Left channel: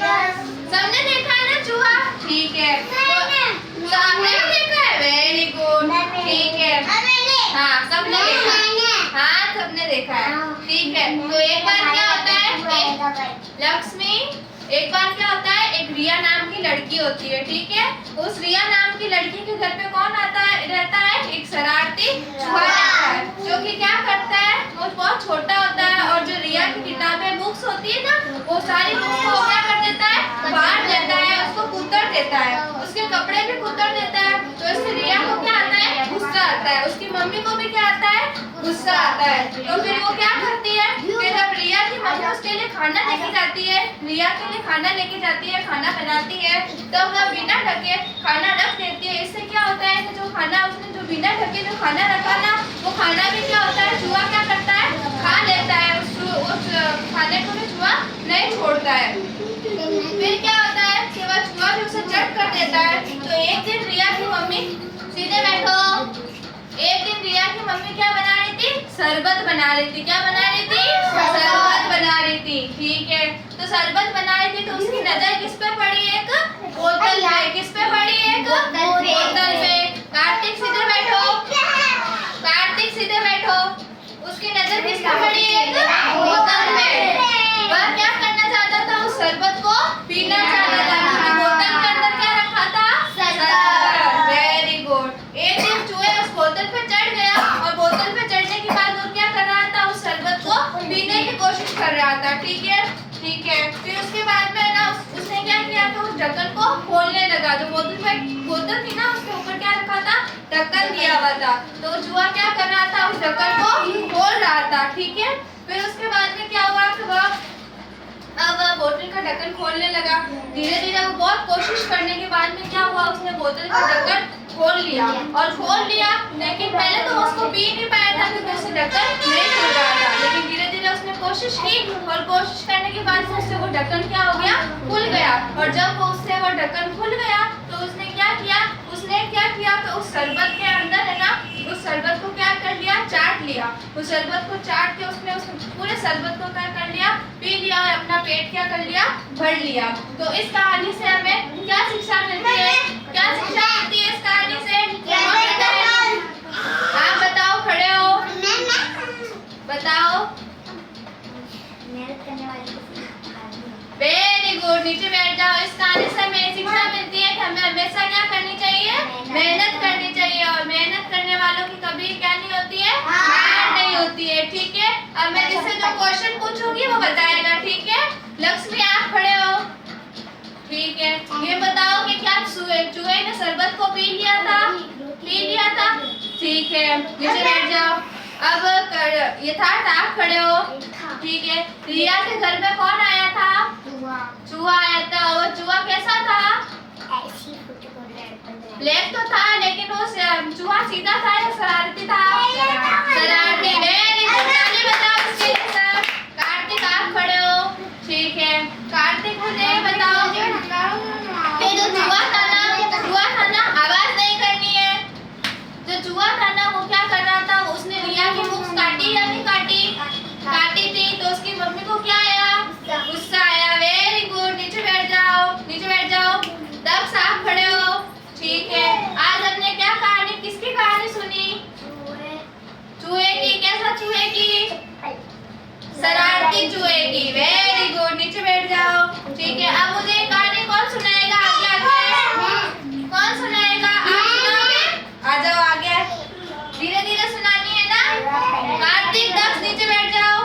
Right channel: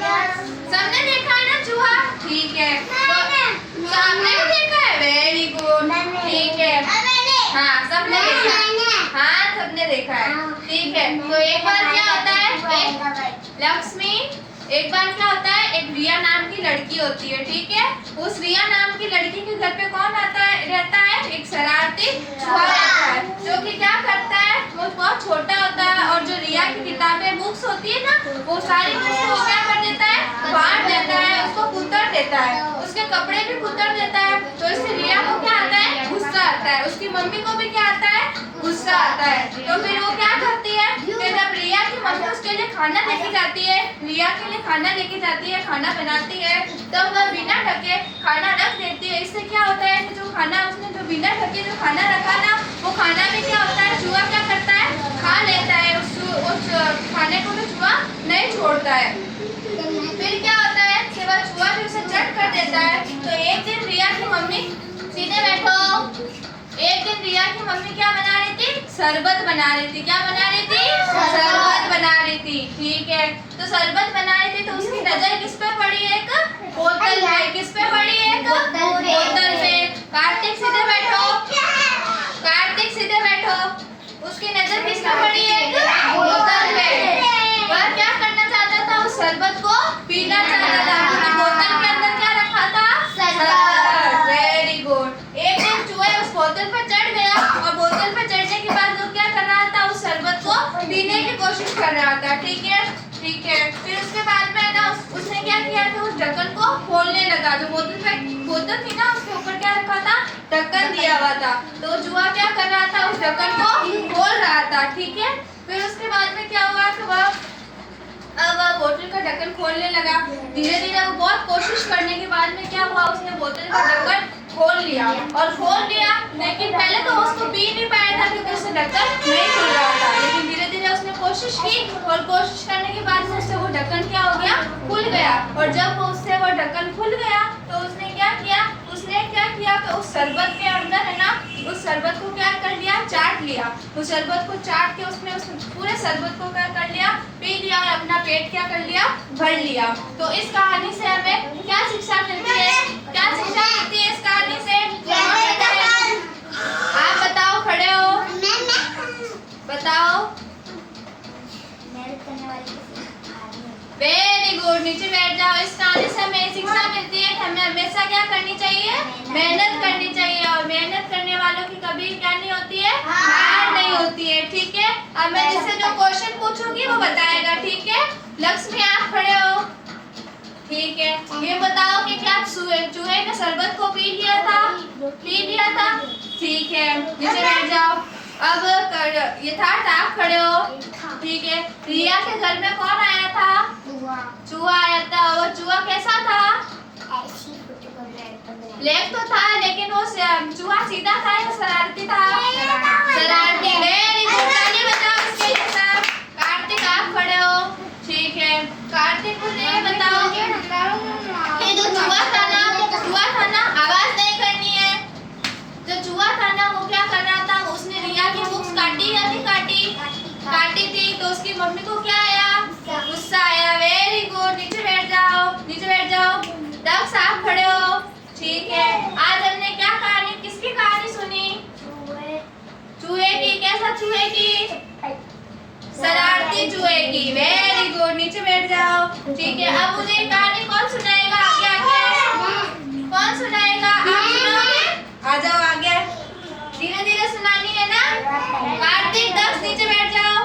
सबने देखा है ना चूहा? ठीक है, तो आपने भी देखा है? वेरी गुड, ठीक है। हाँ सबने देखा है, हाँ सबने देखा है, ठीक है। तो एक बार क्या होता है, लक्ष्मी, एक बार क्या होता है, एक रिया नाम की लड़की होती है, ठीक है। उस रिया नाम की लड़की के घर पे कौन आता है, रहता है, एक शरारती चूहा रहता है, जो कि क्या करता है, वो बहुत छोटा होता है और जो रिया की किताबें बुक्स होती है ना, वो सारी बुक्स को क्या कर देता है, फाड़ देता है, उसको कुतर देता है, उसके कपड़े भी कुतर देता है। तो इससे रिया को क्या आता है, गुस्सा आता है, उसकी मम्मी को भी क्या आता है, गुस्सा आता है। तो फिर वो क्या करती है, फिर जब रिया की मम्मी उसके लिए खाना लेके जाती है, रिया के लिए खाना लेके जाती है, खाना बनाती है, तब वह बिना ढके खाना रख देती है। इससे क्या होता है कि जो खाना उसने जो बिना ढके जो खाना रखा ना, वो खाना भी क्या होता है, चूहा क्या करता है, खा लेता है, उस खाने को भी चूहा नहीं छोड़ता है। फिर क्या होता है कि वह चूहा भी उसे चट कर देता है। तो एक दिन रिया की मम्मी, सीधे बैठो, एक दिन रिया की मम्मी क्या बना रही थी, शरबत बना रही थी। क्या बना रही थी, शरबत बना रही थी, ठीक है। तो शरबत बना रही थी, तो उसकी नजर किस पे पड़ी, एक बोतल पे। किस पे पड़ी, एक बोतल पे। कार्तिक सीधे बैठो, कार्तिक सीधे बैठो, उसकी नजर किस पे पड़ी, एक बोतल पे। वह क्या करना चाहता था, उस शरबत को पीना चाहता था, क्योंकि बोतल के अंदर क्या रखा था, शरबत। Very good. एक दिन चूहे उस बोतल पे चढ़ गया और बोतल पे चढ़ने के बाद वो क्या कर रहा था, उस शरबत को पीने की कोशिश कर रहा था, ठीक है, ठीक है। फिर उसके बाद में ना उसने क्या किया था, उस ढक्कन को खोलने लगा। जो बोतल थी ना, उसके ऊपर क्या रखा था, ढक्कन दिया हुआ था। तो चूहा क्या कर रहा था, उस ढक्कन को खोल रहा था, ठीक है। फिर उसके बाद में क्या हुआ कि वह बोतल का ढक्कन खोलने लगा। धीरे धीरे वो बहुत कोशिश करने के बाद में क्या हुआ, उसने बोतल का ढक्कन खोल लिया, और खोल लिया, लेकिन पहले तो उसको पी नहीं पाया था क्योंकि उससे ढक्कन नहीं खुल रहा था। लेकिन धीरे धीरे उसने कोशिश की, और कोशिश करने के बाद उससे वो ढक्कन क्या हो गया, खुल गया। और जब वो उससे वो ढक्कन खुल गया, तो उसने क्या किया, तो उस शरबत के अंदर है ना, उस शरबत को क्या कर लिया, चाट लिया। उस शरबत को चाट के उसने उस पूरे शरबत को क्या कर लिया, पी लिया, और अपना पेट क्या कर लिया, भर लिया। तो इस कहानी से हमें क्या शिक्षा मिलती है, क्या शिक्षा मिलती है इस कहानी से, आप बताओ, खड़े हो, बताओ। वेरी गुड, नीचे बैठ जाओ। इस कहानी से हमें शिक्षा मिलती है कि हमें हमेशा क्या करनी चाहिए, मेहनत करनी चाहिए, और मेहनत करने वालों की कभी क्या नहीं होती है, हार नहीं होती है, ठीक है। अब मैं इससे जो क्वेश्चन पूछूंगी वो बताएगा, ठीक है। लक्ष्मी आप खड़े हो, ठीक है। ये बताओ कि क्या चूहे ने शरबत को पी लिया था, ठीक है। नीचे बैठ जाओ। अब यथार्थ आप खड़े हो, ठीक है। रिया के घर में कौन आया था, चूहा आया था। वो चूहा कैसा था, ब्लैक तो था, लेकिन वो चूहा सीधा था या शरारती था, शरारती। वेरी गुड, ताली बजाओ इसके लिए सब। कार्तिक आप खड़े हो, ठीक है। कार्तिक मुझे बताओ कि जो चूहा था ना, आवाज नहीं करनी है। जो चूहा था ना, वो क्या कर रहा था, उसने रिया की बुक्स काटी या नहीं काटी थी। तो उसकी मम्मी को क्या आया, गुस्सा आया। वेरी गुड, नीचे बैठ जाओ, नीचे बैठ जाओ। दक्ष आप खड़े हो, ठीक है। आज हमने क्या कहानी, किसकी कहानी सुनी, चूहे की। कैसा चूहे की, शरारती चूहे की। वेरी गुड, नीचे बैठ जाओ, ठीक है। अब मुझे कहानी कौन सुनाएगा, आगे कौन सुनाएगा, आप सुनाओगे, आ जाओ आगे, धीरे धीरे सुनानी है ना। कार्तिक, दक्ष नीचे बैठ जाओ,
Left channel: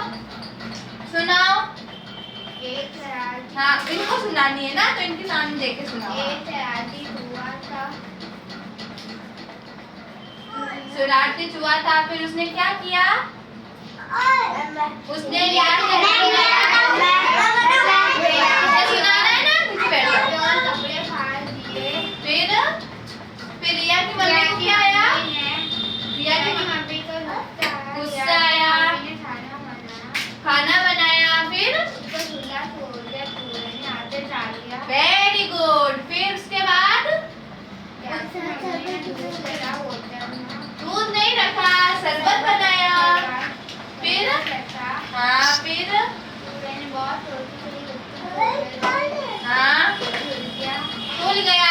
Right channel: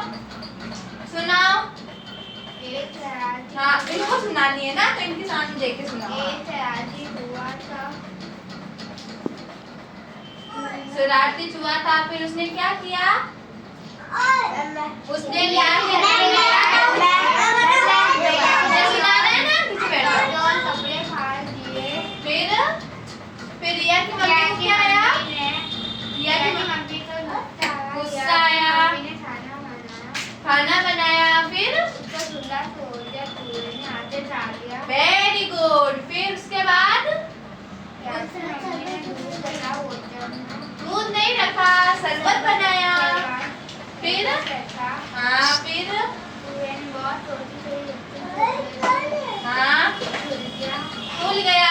सुनाओ। हाँ इनको सुनानी है ना, तो इनके सामने देख के सुनाओ। शरारती चूहा था, फिर उसने क्या किया, उसने रिया के सुनाना है ना, नीचे बैठो। कपड़े फाड़ दिए। फिर रिया की मम्मी को क्या आया, रिया की मम्मी को गुस्सा आया, खाना बनाया, फिर वेरी गुड। फिर उसके बाद दूध नहीं रखा, शरबत बनाया, फिर हाँ, फिर मिल गया